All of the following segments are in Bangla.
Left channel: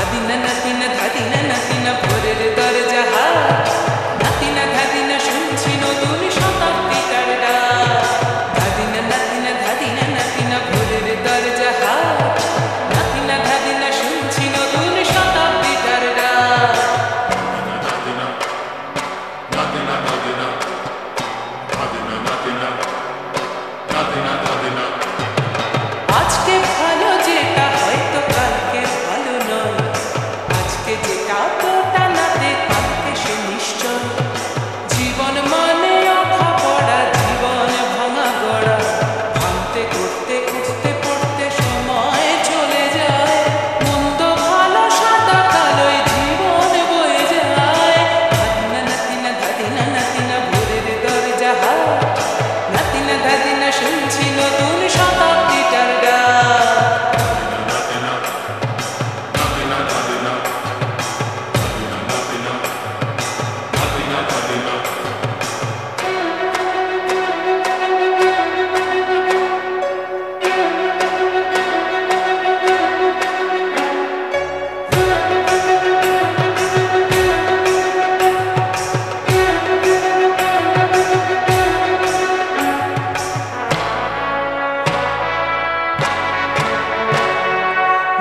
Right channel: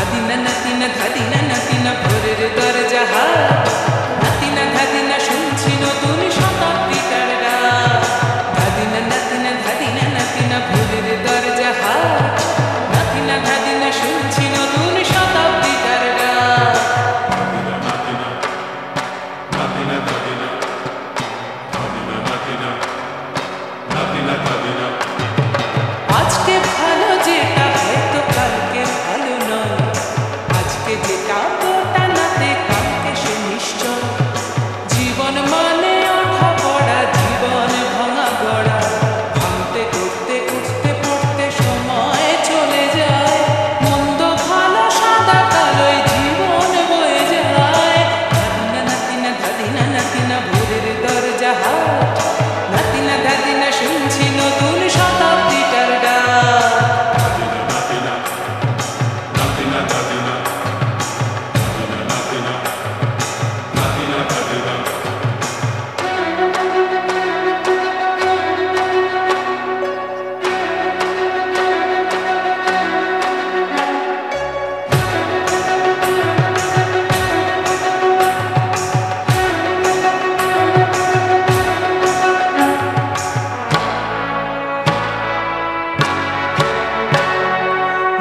ধাদিনা নাতিনা ধাদিনা নাতিনা ভোরের দরজা হাট, নাতিনা ধাদিনা শুনছি নতুন শতাব্দীটার ডাক। ধাদিনা নাতিনা ধাদিনা নাতিনা ভোরের দরজা হাট, নাতিনা ধাদিনা শুনছি নতুন শতাব্দীটার ডাক। আজকে ভালো যেটা হয়তো কালকে ভালো নয়, আজকে যেটা তোটা নাতে কালকে সে নিশ্চয়। জীবন মানে ওঠা পড়া, জীবন ভাঙা গড়া, ভাঙতে করতে উঠতে পড়তে সময় চলে যায়। মন্দ ভালো সাদা কালোই জীবন বয়ে যায়। ধাদিনা নাতিনা ধাদিনা নাতিনা ভোরের দরজা হাট, নাতিনা ধাদিনা শুনছি নতুন শতাব্দীটার ডাক।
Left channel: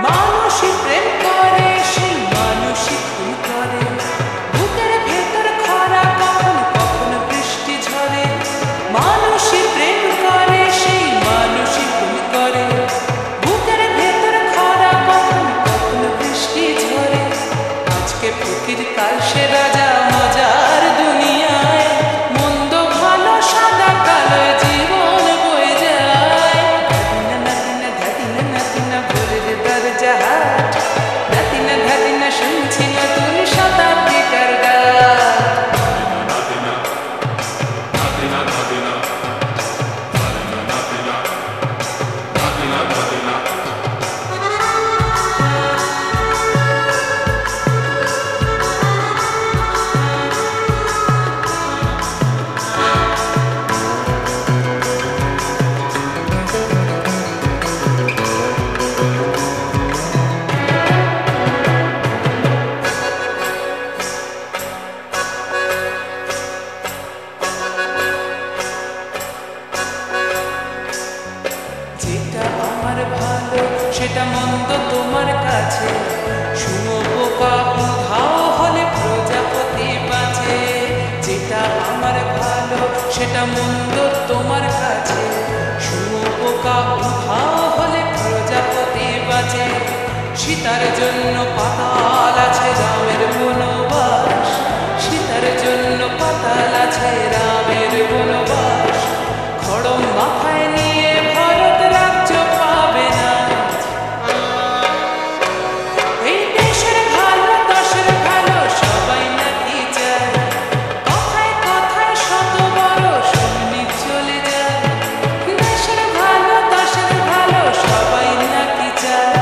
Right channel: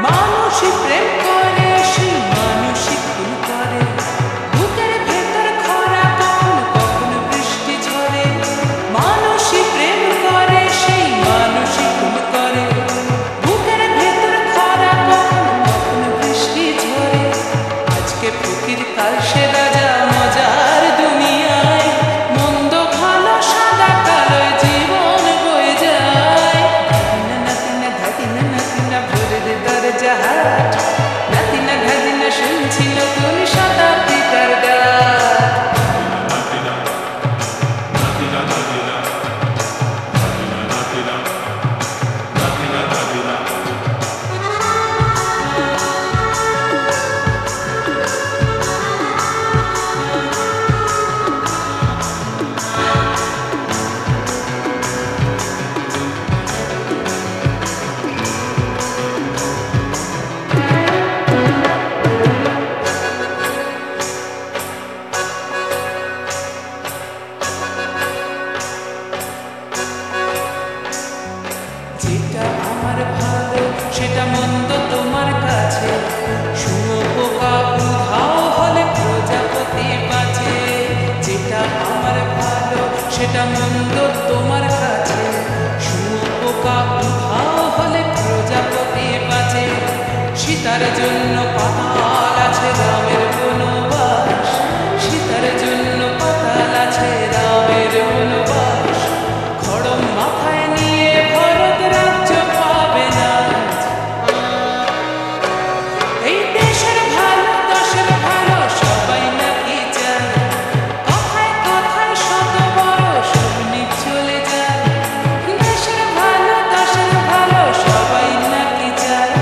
মানুষই প্রেম করে, সেই মানুষই খুন করে। বুকের ভেতর খরা, কখন কখন বৃষ্টি ঝরে। মানুষই প্রেম করে, সেই মানুষই খুন করে। বুকের ভেতর খরা, কখন কখন বৃষ্টি ঝরে। আজকে ফকির কাল সে রাজা মজার দুনিয়ায়। মন্দ ভালো সাদা কালো জীবন বয়ে যায়। ধাদিনা নাতিনা ধাদিনা নাতিনা ভোরের দরজা হাট, নাতিনা ধাদিনা শুনছি নতুন শতাব্দীটার ডাক। যেটা আমার ভালো সেটা মন্দ তোমার কাছে, শুঁয়োপোকা উধাও হলে প্রজাপতি বাঁচে। যেটা আমার ভালো সেটা মন্দ তোমার কাছে, শুঁয়োপোকা উধাও হলে প্রজাপতি বাঁচে। সীতার জন্য পাতাল আছে রামের বনবাস, সীতার জন্য পাতাল আছে রামের বনবাস। খড়ম মাথায় নিয়ে ভারত রাজ্য পাবে না। এই দেশের ভালো দশের ভালো সবাই নাকি চায়। কথায় কথায় শত বড় স্বপ্নি চলে যায়। দেশের ভালো দশের ভালো সবাই নাকি চায়।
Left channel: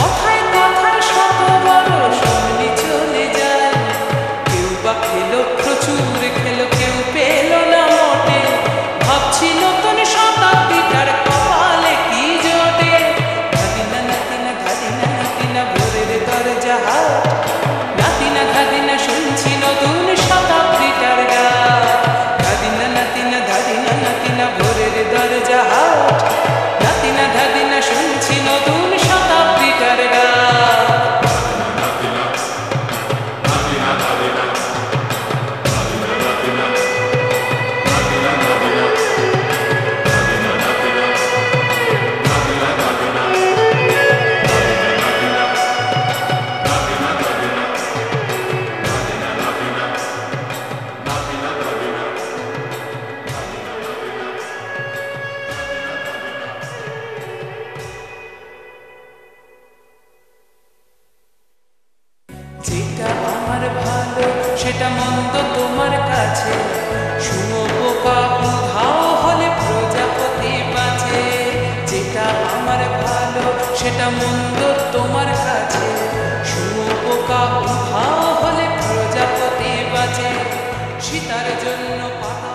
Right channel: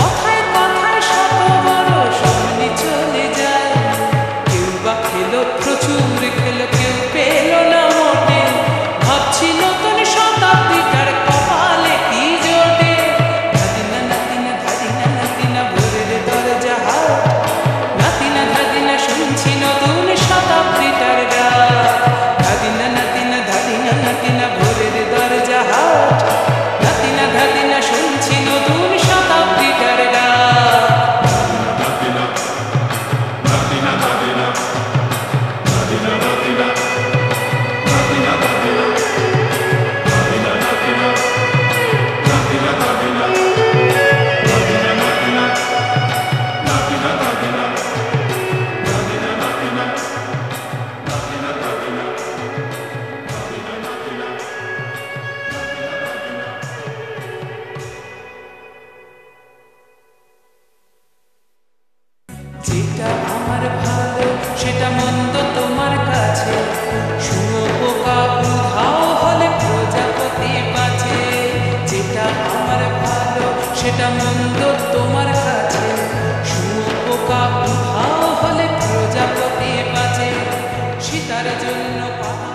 কথায় কথায় শত বড় স্বপ্নি চলে যায়। কেউ বা খেলো প্রচুর খেলো, কেউ পেল না মোটে। ভাবছি নতুন শতাব্দীটার কপালে কি জোটে। ধাদিনা নাতিনা ধাদিনা নাতিনা ভোরের দরজা হাট, নাতিনা ধাদিনা শুনছি নতুন শতাব্দীটার ডাক। ধাদিনা নাতিনা ধাদিনা নাতিনা ভোরের দরজা হাট, নাতিনা ধাদিনা শুনছি নতুন শতাব্দীটার ডাক। যেটা আমার ভালো সেটা মন্দ তোমার কাছে, শুঁয়োপোকা উধাও হলে প্রজাপতি বাঁচে। যেটা আমার ভালো সেটা মন্দ তোমার কাছে, শুঁয়োপোকা উধাও হলে প্রজাপতি বাঁচে। সীতার জন্য পাতা